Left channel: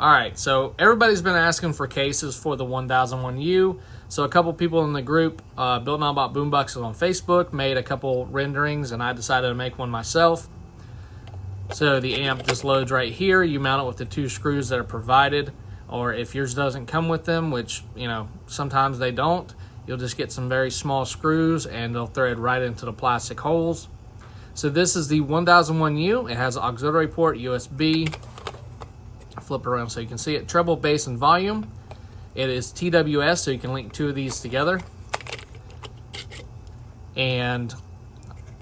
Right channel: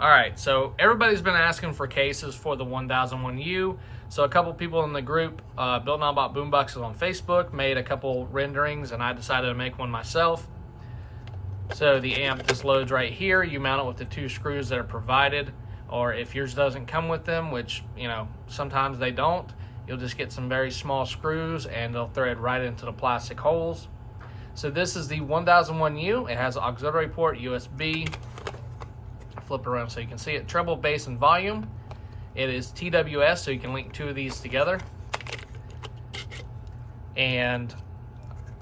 All right, so everybody's been asking for cases for the 1001U. So a couple people in the group, Built Now Bought Boomboxes on Facebook, made a couple renderings, and I decided to make one myself. So the amp just loads right here. You mount it with the 2 screws that are provided, or if yours doesn't come with them, which, you know, sometimes they don't, you'll just get some very small screws and they'll thread right into the plastic holes. So this is the 1001U. It has an auxiliary port, USB. Flip it around so you can see it. Treble, bass, and volume. It is TWS, so you can link 2 of these together. And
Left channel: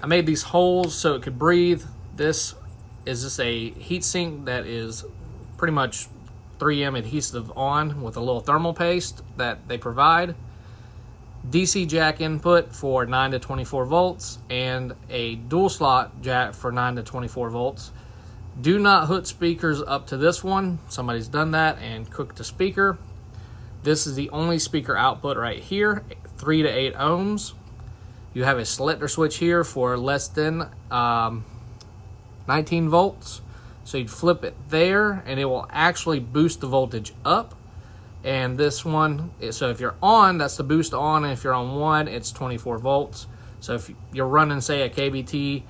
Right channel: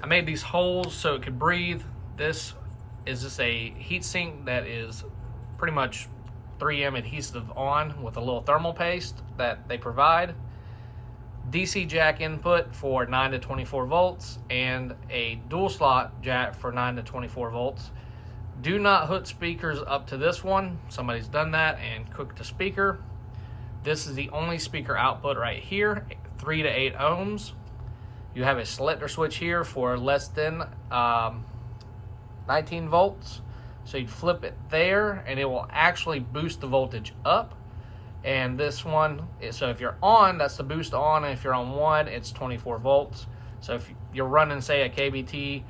I made these holes so it could breathe. This is just a heat sink that is pretty much 3M adhesive on with a little thermal paste that they provide. DC jack input for 9 to 24 volts and a dual slot jack for 9 to 24 volts. Do not hook speakers up to this one. Somebody's done that and cooked a speaker. This is the only speaker output right here, 3 to 8 ohms. You have a selector switch here for less than 19 volts. So you'd flip it there and it will actually boost the voltage up. And this one, so if you're on, that's the boost on, and if you're on 1, it's 24 volts. So if you're running, say, a KBT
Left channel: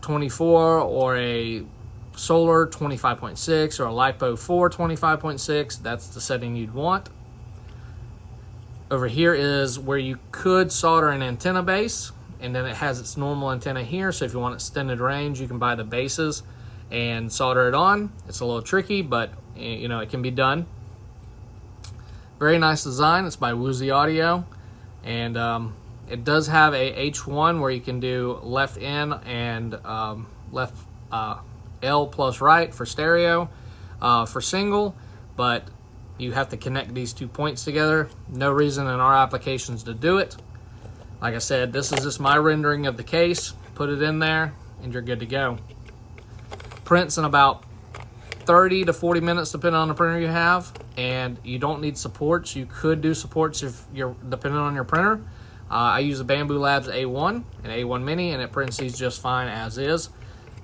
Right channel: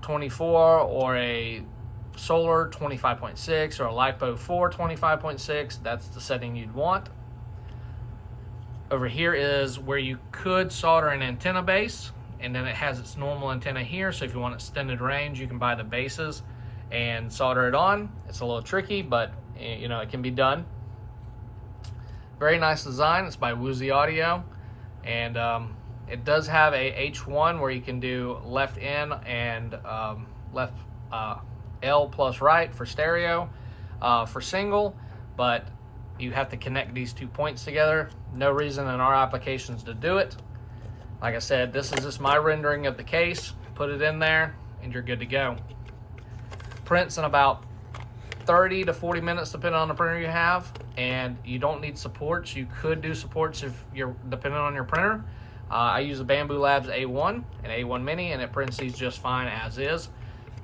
24 or a Solar 25.6 or a LiPo 4 25.6, that's the setting you'd want. Over here is where you could solder an antenna base, and then it has its normal antenna here, so if you want extended range, you can buy the bases and solder it on. It's a little tricky, but you know, it can be done. Very nice design. It's by Wuzhi Audio, and it does have a H1 where you can do left in and left L plus right for stereo, for single, but you have to connect these 2 points together. No reason in our applications to do it. Like I said, this is just my rendering of the case. Put it in there and you're good to go. Prints in about 30 to 40 minutes depending on the printer you have, and you don't need supports. You could do supports if you're depending on your printer. I use a Bamboo Labs A1 and A1 Mini, and it prints these just fine as is.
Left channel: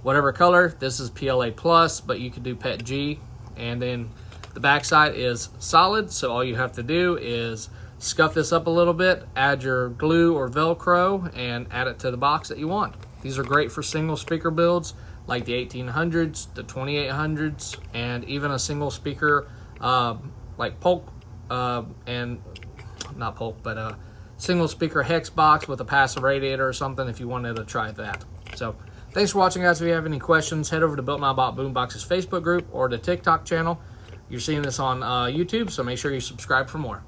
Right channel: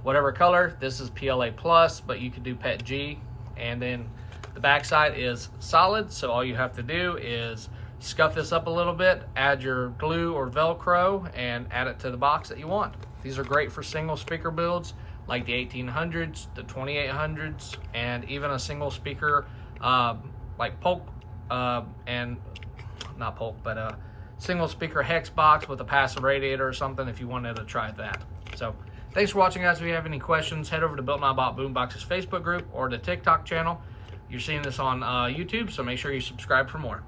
Whatever color, this is PLA plus, but you could do PET G. And then the backside is solid, so all you have to do is scuff this up a little bit, add your glue or Velcro, and add it to the box that you want. These are great for single speaker builds like the 1800s, the 2800s, and even a single speaker like Polk, and not Polk, but a single speaker hex box with a passive radiator or something if you wanted to try that. So thanks for watching, guys. If you have any questions, head over to Built Now Bought Boomboxes Facebook group or the TikTok channel. You're seeing this on YouTube, so make sure you subscribe for more.